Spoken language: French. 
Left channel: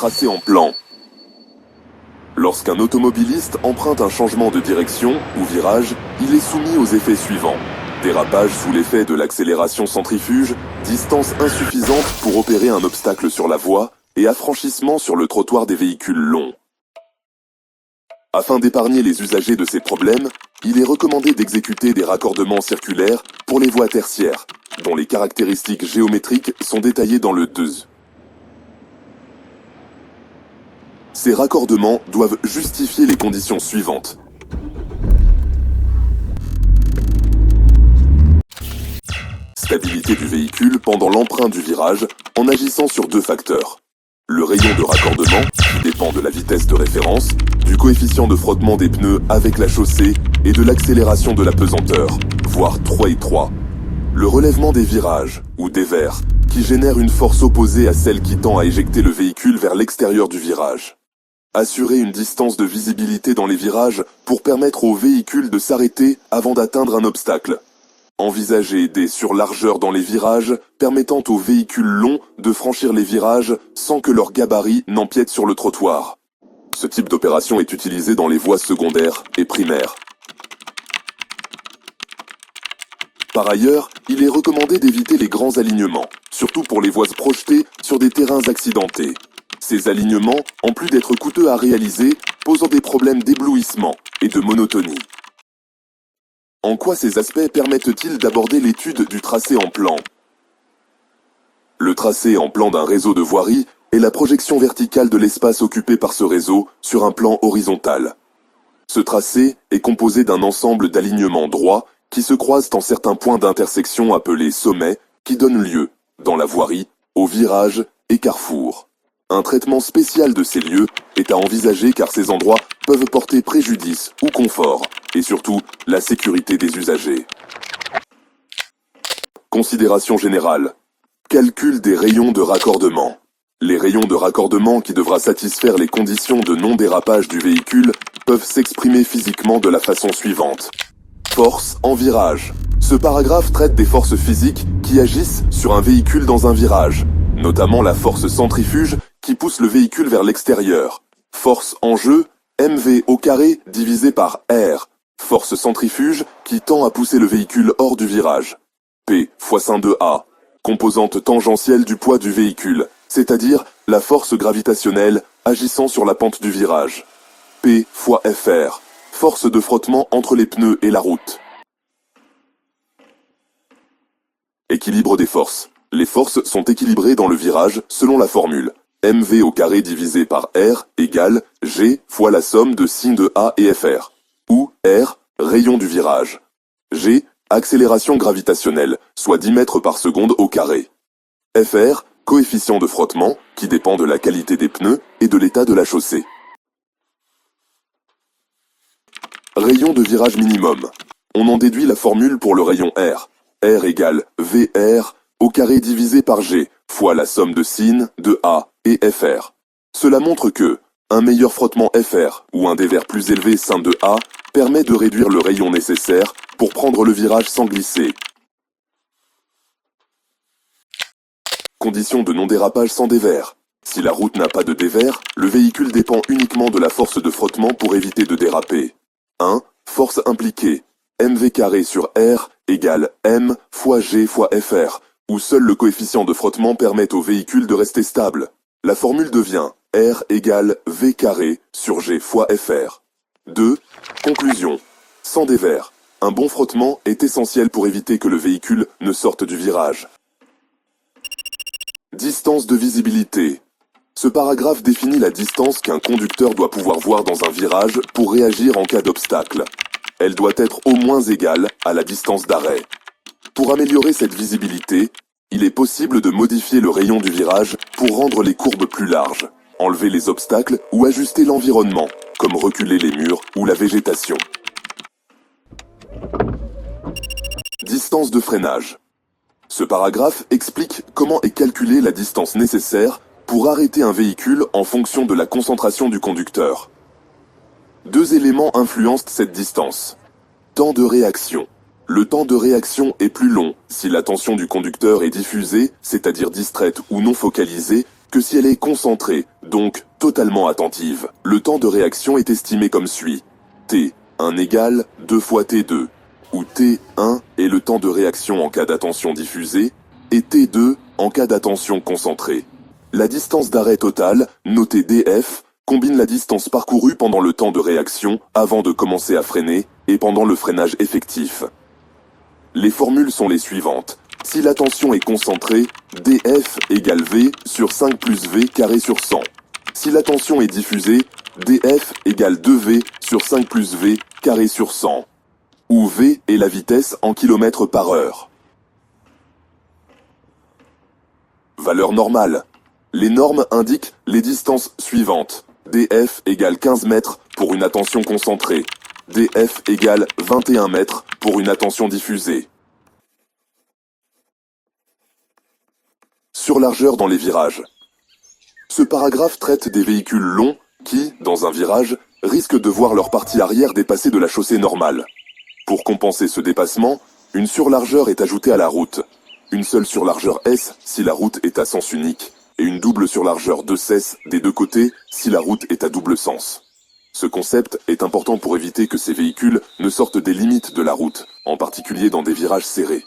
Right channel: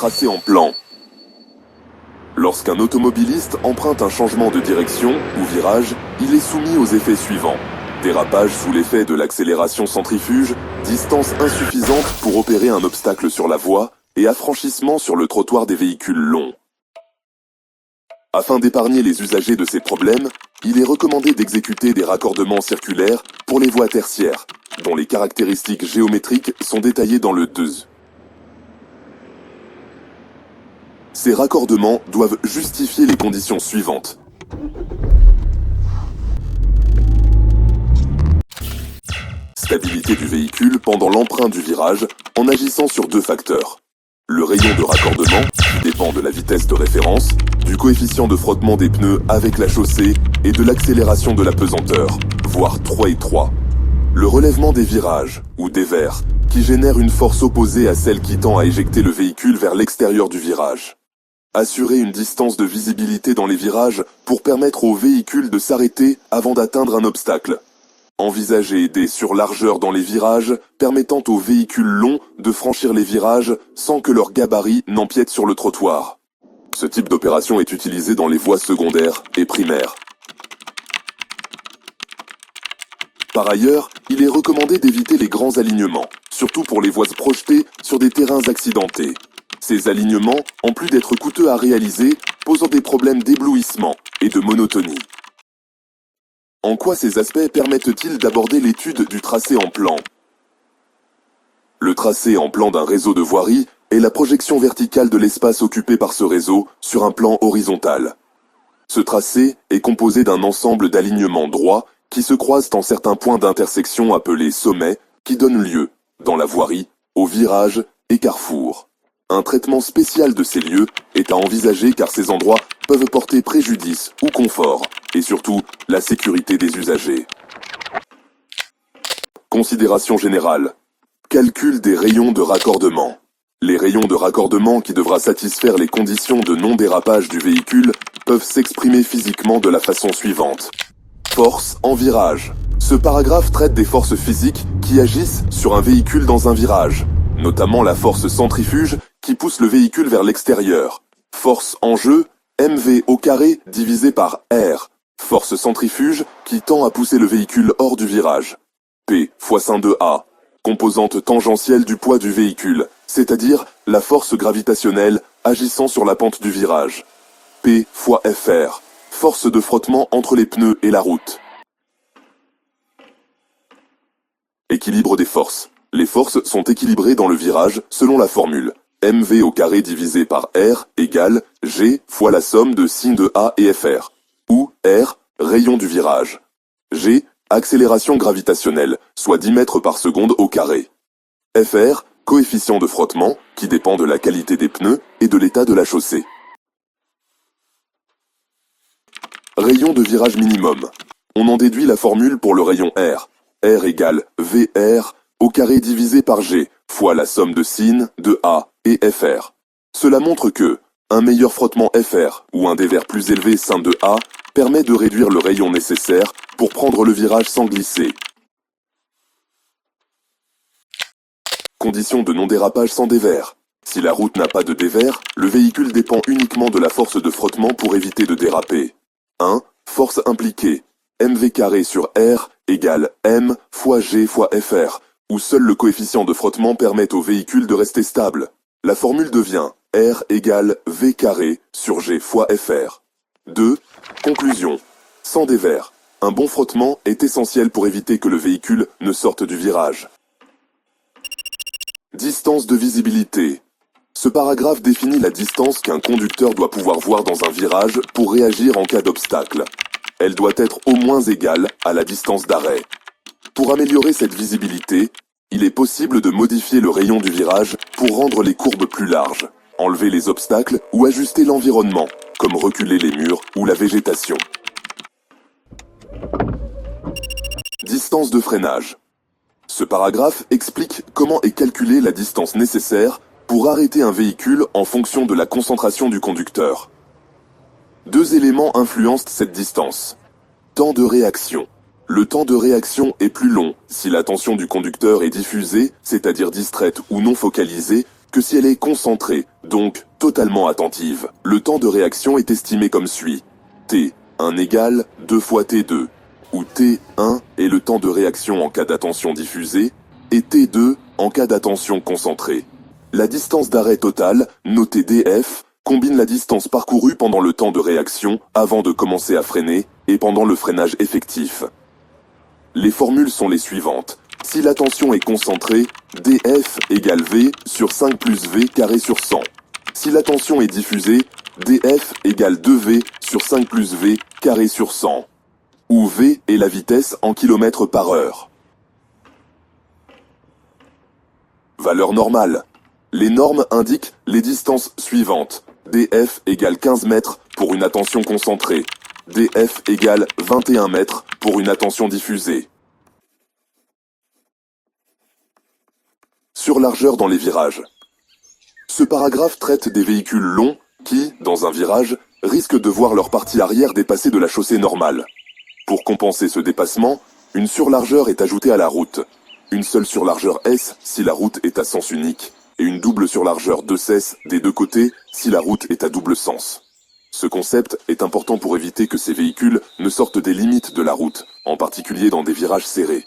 tracé en plan. Lorsqu'un automobiliste emprunte un changement de direction ou virage, il est soumis aux effets suivants. Dérapage sous l'effet de l'accélération centrifuge, distance insuffisante pour opérer un obstacle sur la voie et affranchissement sur le trottoir des véhicules longs. Afin d'épargner les usagers de ces problèmes, il est recommandé d'exécuter des raccordements circulaires pour les voies tertiaires, dont les caractéristiques géométriques sont détaillées dans le 2. Ces raccordements doivent justifier les conditions suivantes. Stabilité du véhicule pendant l'emprunt du virage en agissant sur deux facteurs. Le rayon de raccordement, qui dépend de la vitesse de référence, du coefficient de frottement des pneus avec la chaussée et de l'accélération de la pesanteur, voire 3 et 3. Le relèvement des virages, ou dévers, qui génère une force opposée à celle qui tend à éjecter le véhicule vers l'extérieur du virage. Assurer une distance de visibilité dans les virages pour permettre au véhicule de s'arrêter avant d'atteindre un obstacle. Envisager des surlargeurs dans les virages permettant aux véhicules longs de franchir les virages sans que leur gabarit n'empiète sur le trottoir. Ce type d'opération est utilisé dans les voies secondaires et primaires. Par ailleurs, il est recommandé d'éviter les grands alignements, surtout pour les voies projetées sur des terrains accidentés. Ces alignements, en plus d'être coûteux à réaliser, posent des problèmes d'éblouissement et de monotonie. En quoi ces aspects permettent-ils d'aborder l'étude du tracé en plan? Le tracé en plan d'un réseau de voirie est la projection verticale de l'espace occupé par ce réseau sur un plan horizontal. Ce tracé est composé d'un ensemble d'alignements droits qui se croisent en certains points d'intersection appelés sommets qui donnent lieu, dans la voirie, aux virages et carrefours. Un traitement spécial de ces lieux est à envisager car ces endroits peuvent porter préjudice ou confort, et surtout la sécurité des usagers. Considération générale. Calcul des rayons de raccordement. Les rayons de raccordement qui devra satisfaire les conditions de non-dérapage du véhicule peuvent s'exprimer physiquement de la façon suivante. Force en virage. Ce paragraphe traite des forces physiques qui agissent sur un véhicule dans un virage, notamment la force centrifuge qui pousse le véhicule vers l'extérieur. Force en jeu, mv au carré divisé par r. Force centrifuge qui tend à pousser le véhicule hors du virage. P fois sin de A. Composante tangentielle du poids du véhicule, c'est-à-dire la force gravitationnelle agissant sur la pente du virage. P fois Fr. Force de frottement entre les pneus et la route. Équilibre des forces. Les forces sont équilibrées dans le virage selon la formule mv au carré divisé par r égale g fois la somme de sin de A et Fr, où r, rayon du virage. G, accélération gravitationnelle, soit 10 mètres par seconde au carré. Fr, coefficient de frottement, qui dépend de la qualité des pneus et de l'état de la chaussée. Rayon de virage minimum. On en déduit la formule pour le rayon R. R égale VR au carré divisé par G, fois la somme de sin, de A et Fr. Cela montre que un meilleur frottement Fr ou un dévers plus élevé sin de A permet de réduire le rayon nécessaire pour prendre le virage sans glisser. Condition de non-dérapage sans dévers. Si la route n'a pas de dévers, le véhicule dépend uniquement de la force de frottement pour éviter de déraper. 1. Force impliquée. mv carré sur R égale m fois g fois Fr, où seul le coefficient de frottement permet au véhicule de rester stable. La formule devient R égale v carré sur g fois Fr. 2. Conclusion. Sans dévers. Un bon frottement est essentiel pour éviter que le véhicule ne sorte du virage. Distance de visibilité. Ce paragraphe définit la distance qu'un conducteur doit pouvoir voir dans un virage pour réagir en cas d'obstacle. Elle doit être au moins égale à la distance d'arrêt. Pour améliorer cette visibilité, il est possible de modifier le rayon du virage pour rendre les courbes plus larges, enlever les obstacles ou ajuster l'environnement, comme reculer les murs ou la végétation. Distance de freinage. Ce paragraphe explique comment est calculée la distance nécessaire pour arrêter un véhicule en fonction de la concentration du conducteur. Deux éléments influencent cette distance. Temps de réaction. Le temps de réaction est plus long si l'attention du conducteur est diffusée, c'est-à-dire distraite ou non focalisée, que si elle est concentrée, donc totalement attentive. Le temps de réaction est estimé comme suit. T1 égale 2 fois T2, où T1 est le temps de réaction en cas d'attention diffusée, et T2 en cas d'attention concentrée. La distance d'arrêt totale, notée df, combine la distance parcourue pendant le temps de réaction avant de commencer à freiner et pendant le freinage effectif. Les formules sont les suivantes. Si la tension est concentrée, df égale v sur 5 plus v carré sur 100. Si la tension est diffusée, df égale 2v sur 5 plus v carré sur 100. Où v est la vitesse en km par heure. Valeur normale. Les normes indiquent les distances suivantes. df égale 15 mètres pour une attention concentrée. df égale 21 mètres pour une attention diffusée. Surlargeur dans les virages. Ce paragraphe traite des véhicules longs qui, dans un virage, risquent de voir leur partie arrière dépasser de la chaussée normale. Pour compenser ce dépassement, une surlargeur est ajoutée à la route. Une seule surlargeur S si la route est à sens unique, et une double surlargeur 2S des deux côtés si la route est à double sens. Ce concept est important pour éviter que ces véhicules ne sortent des limites de la route, en particulier dans des virages serrés.